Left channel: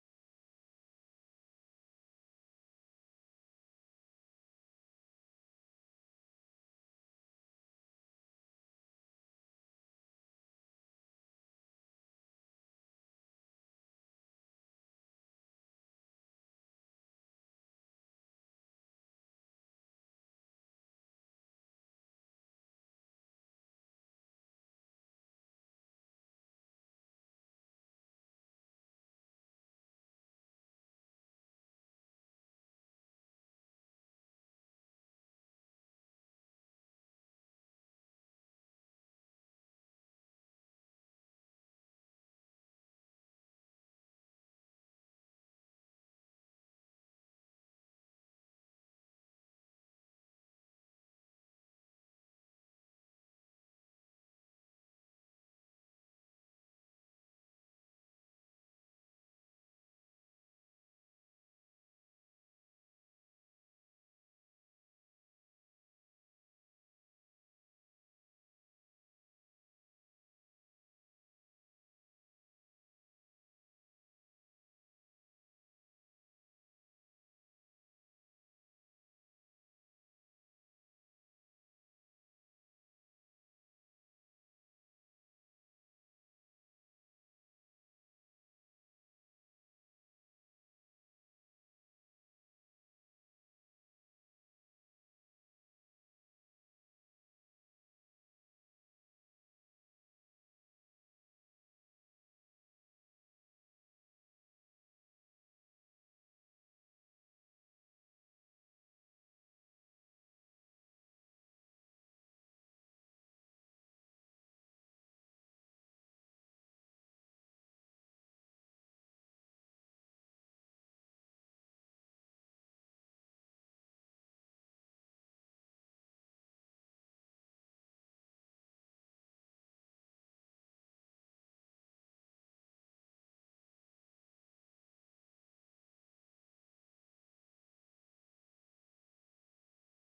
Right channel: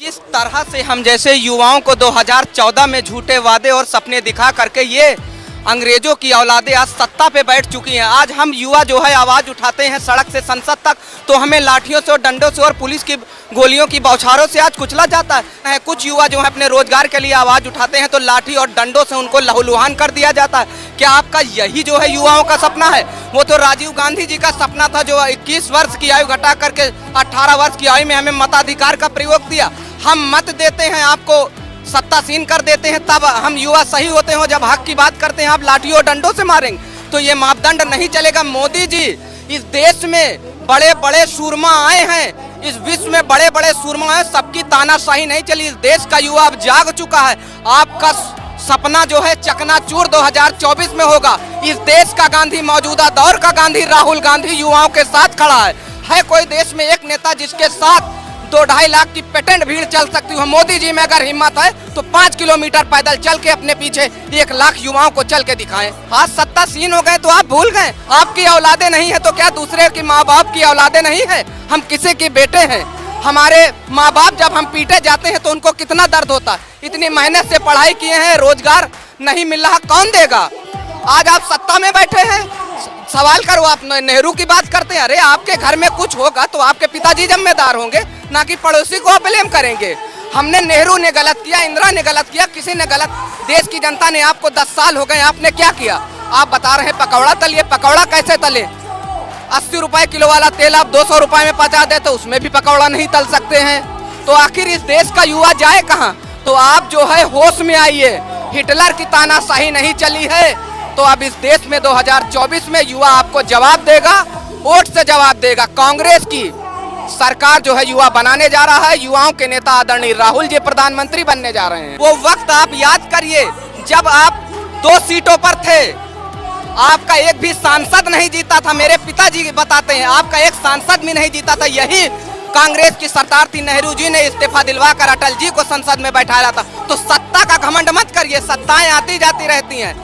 जिस तरह से हम जैसे युवाओं को 2014 में झूठे वादे और सपने दिखा करके ये अंग्रेजों की औलादें आज सत्ता पे बैठ चुकी हैं। आज हम युवा जो है आवाज़ उठाते हैं सड़क से संसद तक, तो हमें लाठियों से और डंडों से और पुलिस की गोलियों की बौछारों से आज कुचला जाता है। कुछ युवा जो है अपने रोजगार के लिए आवाज़ उठाते हैं तो लाठी और डंडों से उनको लहूलुहान कर दिया जाता है। क्या आपका यही जो है युवाओं का सपना है? वो तो राजीव गांधी जी का सपना था जो 21 वर्ष की आयु घटा करके 18 वर्ष की आयु में हमें मताधिकार का प्रयोग दिया। हम मत देते हैं, आपको सत्तासीन कर देते हैं, तब हम युवा सही होते हैं। जब हक की बात करते हैं आप लाठियों और डंडों से मारेंगे, तो ये मापदंड नहीं चलेगा। मोदी जी, इस देश में बड़े बड़े सूरमा आए हैं, इस विश्व में बड़े बड़े सूरमा आए, सबकी तानाशाही नहीं चली। इस देश का युवा अब जाग चुका है। आपका सपना जो है चकनाचूर 2024 में होगा। इस देश का गांधी, मौजूदा दौर का गांधी राहुल गांधी युवाओं के साथ खड़ा है कोई देश में एक नेता जिसके साथ 2-2.5 लाख की पेटेंट भीड़ चल सकती हो? मोदी जी में अगर हिम्मत है तो 5 किलोमीटर पैदल चल के अपने पीछे 1 लाख युवाओं को चल के दिखाएं। आज सत्तासीन हो गए तो आप भूल गए, आपकी औलादे नहीं है तो क्या दूसरे की माँ बाप की औलादे नहीं है? हम किसी के बेटे हैं। हमारे माँ बाप जब हम पीटे जाते हैं तो उनको कितना दर्द होता है। इतनी मेहनत से पढ़ाई किए हैं, रोजगार नहीं मिल रहा, कौन देगा? आज आप सत्ता में बैठे हैं, सवाल करो। आप नेहरू की बात करते हैं, अरे आपके घर में कुछ होगा तो आपके पिताजी जिम्मेदार होंगे, ना कि पड़ोसी को आप ब्लेम करेंगे। हमने, नेहरू ने गलत किया, इंदिरा ने गलत किया, किसी ने गलत। देश की जनता ने आपको 10 साल हो गए, आपने क्या किया? आप बता रहे हैं पकौड़ा तलिए, पकौड़ा कैसे तले? 80 रुपए किलो वाला तेल आप 200 रुपए में पचा दे तो उसमें भी पकौड़ा नहीं तल सकते हैं। तो आखिर इस देश का युवा जाए कहाँ? तो आप जो है होश में आइए। हिटलर की तानाशाही नहीं चली है तो अब इस देश में 2024 में युवा आपको जवाब देगा, वोट से जवाब देगा। कांग्रेस की सरकार जो है युवा बनाने जा रहा है। युवाओं के नेता आदरणीय राहुल जी प्रधानमंत्री बनने जा रहे हैं। वो वक्त आप याद करिए जब आप 2 सीटों पर थे, आपका एक भी सांसद नहीं जीता था। मेरे पिताजी बताते हैं आपका एक सांसद भी नहीं जीता था। यही कांग्रेस की सरकार थी, नेहरू जी ने इस्तीफा दिलवाकर अटल जी को संसद में बैठाया था। तो सत्ता का घमंड मत करिए, सत्ताएं आती जाती रहती हैं।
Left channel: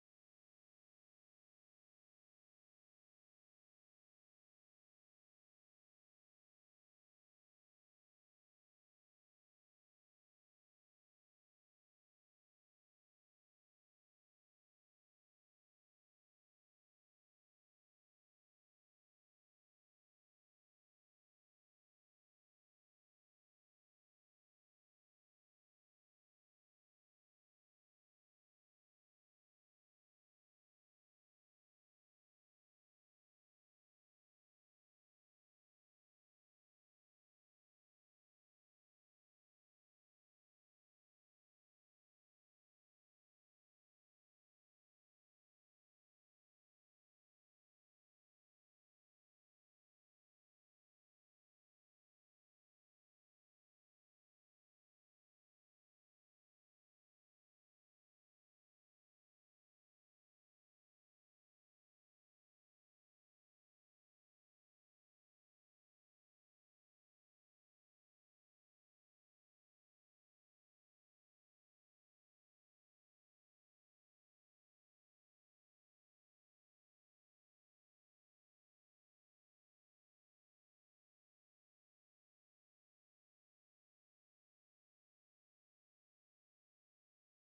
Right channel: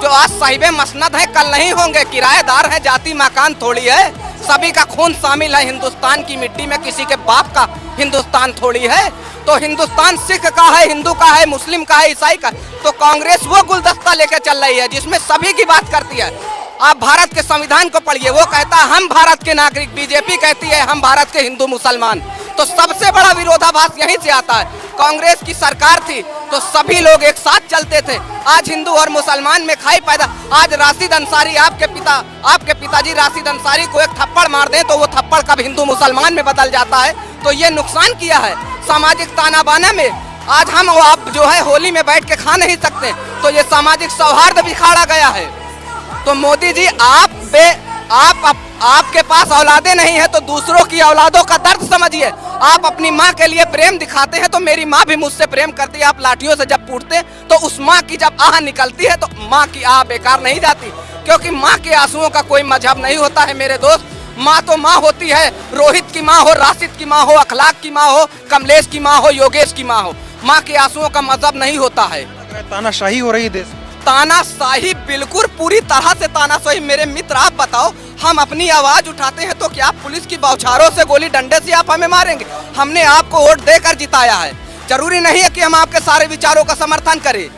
जो आज साहिबे मसनद है कल नहीं होंगे, किराएदार है, जाति मकान थोड़ी है। सभी का खून शामिल है हिंदुस्तान की मिट्टी में, किसी के बाप का हिंदुस्तान थोड़ी है। तो हिंदुस्तान सिख का है, हिंदू का है, मुस्लिम का है, ईसाई का। तो कांग्रेस वो गुलदस्ता लेके चल रही है जिसमें सभी की बात करती है। आप भारत के संविधान को पढ़िए, वो कहता है हम भारत के नागरिक, बीजेपी कहती है हम भारत के हिंदू मुसलमान। तो सबसे बड़ा विरोधाभास यहीं से आता है। कांग्रेस की सरकार थी तो सभी लोग एक साथ चलते थे। आज हिंदू और मुसलमान में खाई पैदा। आज राशिद अंसारी, आपके पिताजी राशिद अंसारी को एक थप्पड़ मार दें तो वो थप्पड़ कब हिंदू मुसलमान में बदल जाता है। तो ये नुकसान किया है सामाजिक ताना बाना में। आज हम आप जो है होली में बैठ के खा नहीं सकते, तो ये सामाजिक सौहार्द बिखाड़ा गया है। तो मोदी जी, आपके पास औलादे नहीं है तो दूसरों की औलादों का दर्द समझिए। आप अपनी माँ के लिए प्रेम दिखाते हैं तो मेरी माँ भी मुझसे प्रेम करती है। आप लाठियों से जब पूछते तो उस माँ की जब आह निकलती है तो माँ की आह बेकार नहीं जाती, क्योंकि माँ के आंसुओं का कोई मजहब नहीं होता है मेरे दोस्त। माँ तो माँ होती है। रोहित की माँ हो, राशिद की माँ हो, अखलाक की माँ हो, कमलेश की माँ हो, योगेश की माँ हो, माँ के आंसुओं का मजहब नहीं होता है। तानाशाही हो रही है देश। तानाशाही, बिल्कुल पूरी तरह से तानाशाही। मेरे मित्र, आप बताओ, हम अपनी आवाज उठाते हैं तो क्या पुलिस की बौछारों से, गोली डंडे से आप हमें मारेंगे? हमने आपको वोट देकर जिताया है। जरूरी नहीं है कि हम आपके सारे विचारों का समर्थन करें।